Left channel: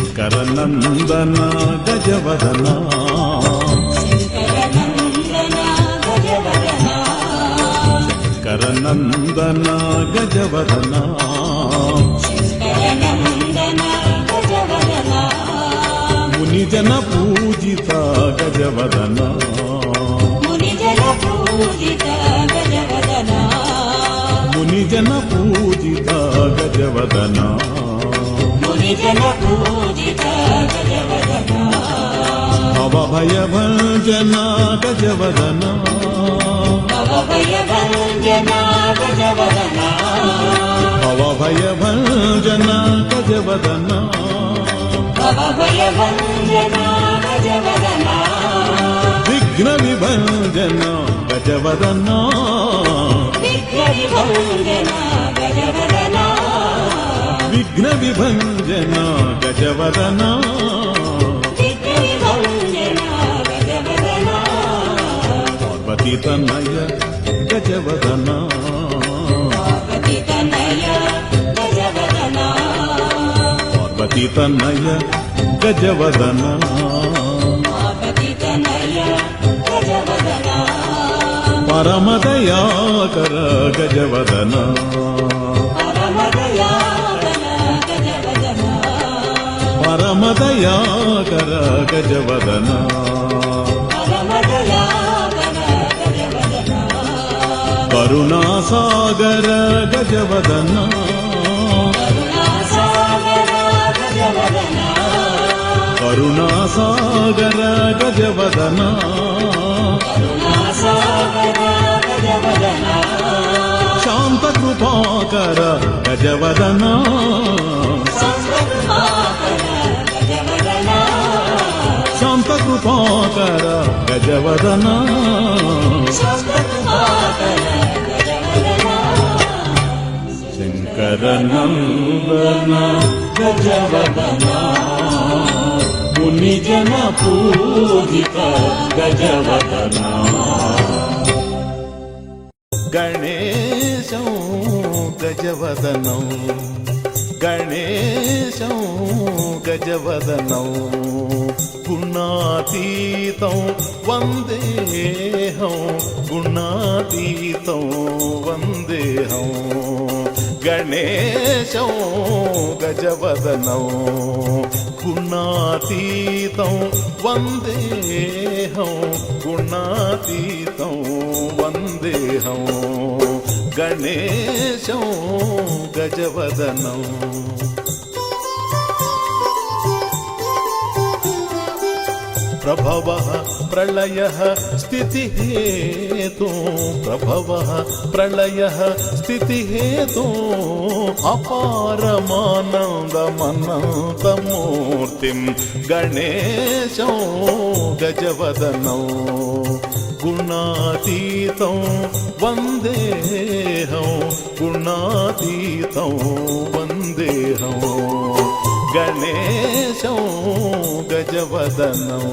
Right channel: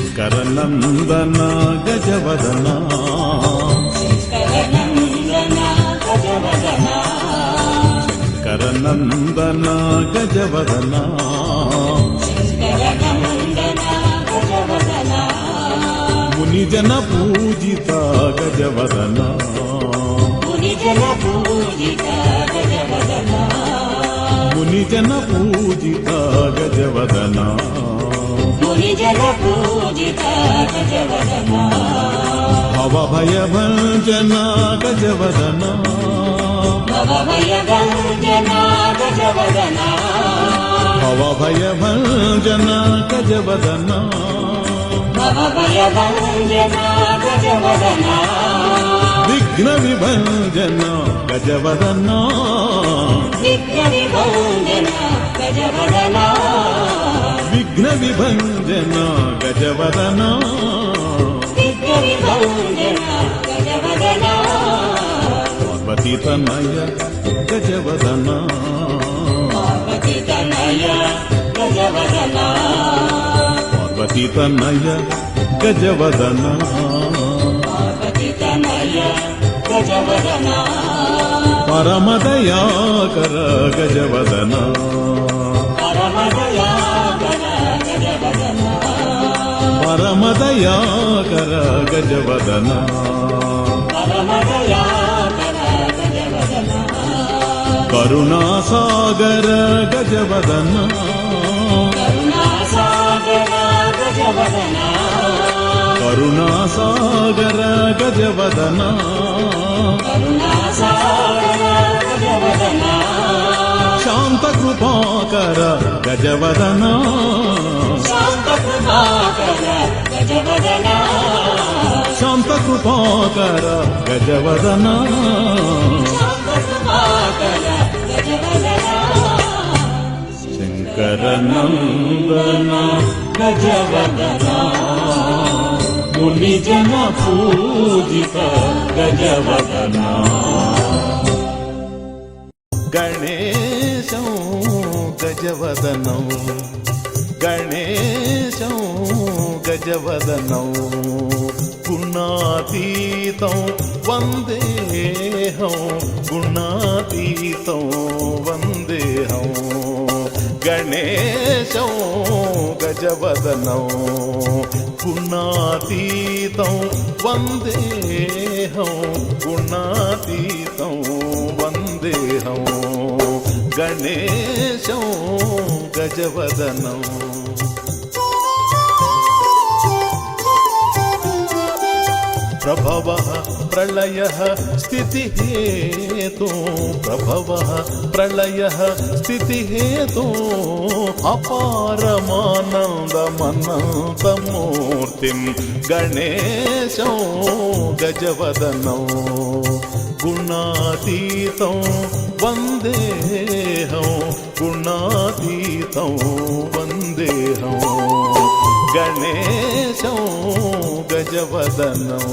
శంకరనందన గజవదన శంకరనందన గజవదన మునిజన పూజిత గజవదన మునిజన పూజిత గజవదన భవభయ భంజన గజవదన భవభయ భంజన గజవదన విఘ్న విభంజన గజవదన విఘ్న విభంజన గజవదన పార్వతీ తనయ గజవదన పార్వతీ తనయ గజవదన పరమదయాకర గజవదన పరమదయాకర గజవదన కరుణాసాగర గజవదన కరుణాసాగర గజవదన శాంత కృపాకర గజవదన శాంత కృపాకర గజవదన శంకరనందన గజవదన మునిజన పూజిత గజవదన గణేశం గజవదనం గణేశం గజవదనం గుణాతీతం వందేహం గుణాతీతం వందేహం గణేశం గజవదనం గుణాతీతం వందేహం గుణాతీతం వందేహం గణేశం గజవదనం ప్రభవః ప్రళయః స్థితిహేతు ప్రభవః ప్రళయః స్థితిహేతు అపారమానందమనంతమూర్తిం గణేశం గజవదనం గుణాతీతం వందేహం గుణాతీతం వందేహం గణేశం గజవదనం